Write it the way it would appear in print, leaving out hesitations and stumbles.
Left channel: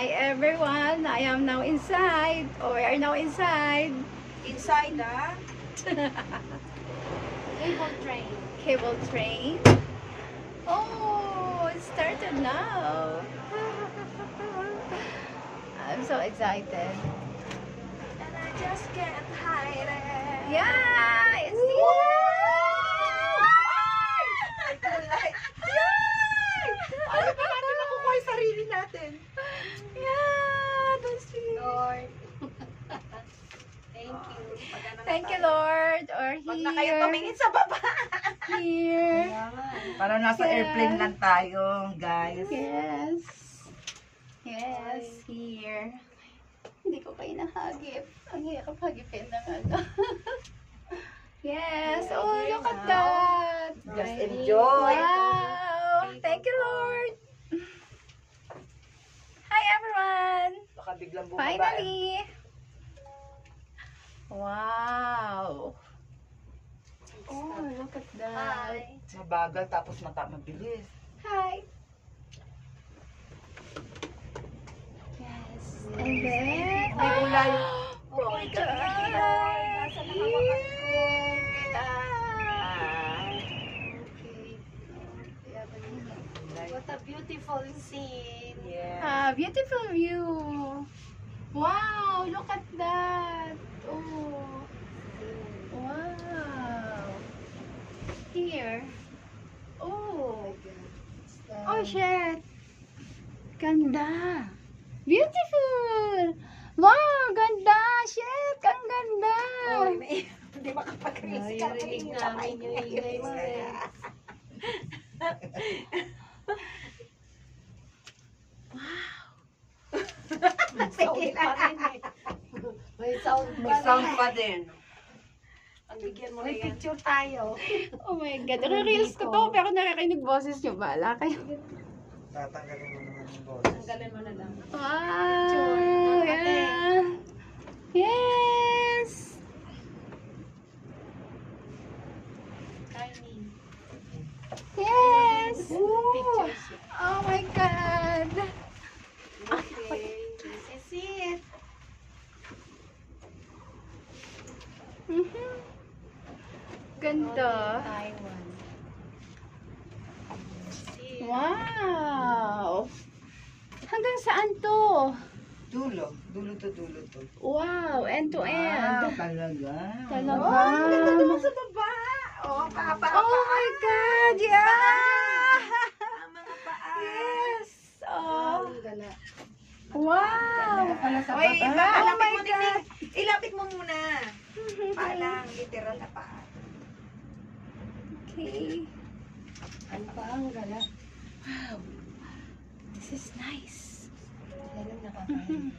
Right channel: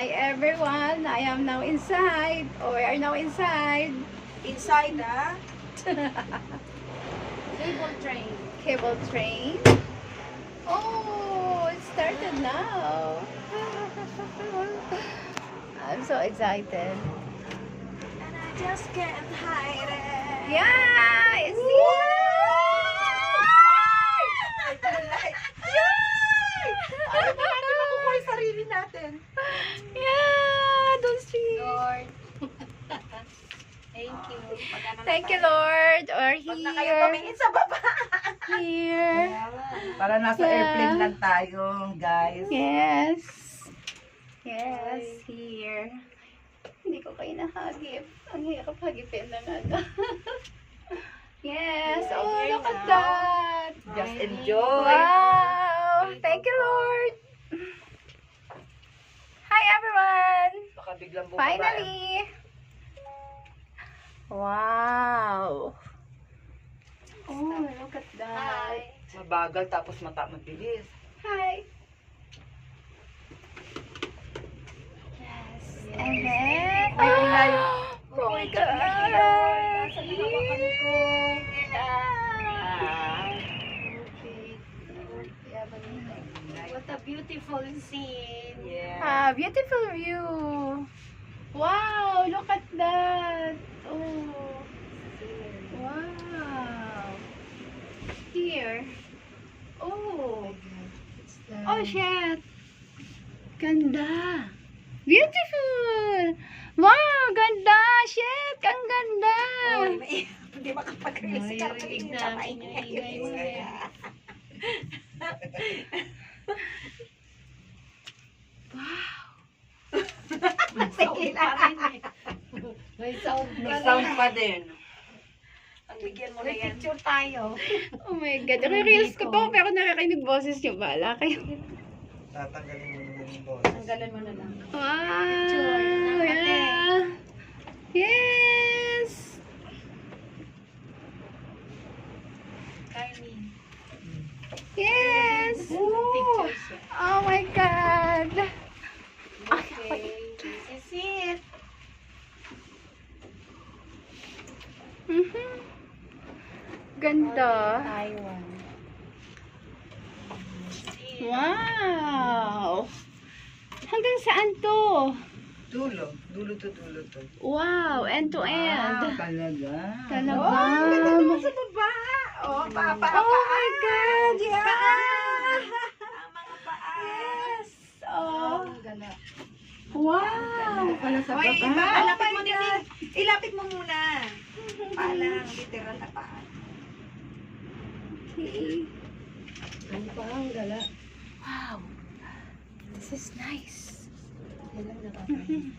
Hi everyone, I am now inside. Or we are now inside. Inside cable train. Cable train. Oh, it started now. I'm so excited. And I just can't hide it. Yeah, it's here. Ano ba natin makukuha yung sarili natin? Yeah, don't see. Lord. Thank you. Thank you, Lord. Or Huwag na kayo here. tumingin sa baba. Here. Para nasa Yeah. airplane lang tayo, guys. Yes. Yes, here. Hindi ko kayo nahagip. Ang hirap hagipin ng ano. Yes. Oh, look at that. Just enjoy. Wow. Thank you, Lord. Hi, everyone. Baka biglang bumaba. Finally. Wow. Oh, look at that. Mabagal tapos mabilis. Hi. Yes. And then, May ulay. oh my God. Nasa nakabakan ko. What a beautiful scene. Yeah. Beautiful view. Wow, look at that. Oh. Wow. Here. Oh. Oh, shit. Ganda. Beautiful. Wow, ganda. Shit, ang ganda. Hindi makapag-release ka. Tingin sa mic mo. Sige na. May sound May sound pa din. Bigyan mo na yan. Picture tayo. Oh my God. Nare-reels ko pa pero nakakainig boses nyo. Bahala kayo. Tatanggalin mo naman yung boses. Tanggalan mo na lang. Wow. Yeah. Yes. Tiny. Yes. Pictures. Oh my God. Okay. This is it. Mhm. Ganda. Taiwan. Wow. Hanggang saan to? Dulo. Dulo to. Wow. End to end. Talaga. Talaga. Sa baba. Oh, papa. Oh my God. Yeah. Mga paa. Yes. Oh. Gala. Wow. Pala sa Oy, baba. ilapit mo din. Ilapit mo muna. Paalang, literal na paa. Okay. Ano pa ang gala? Wow. This is nice. Galang nakakain.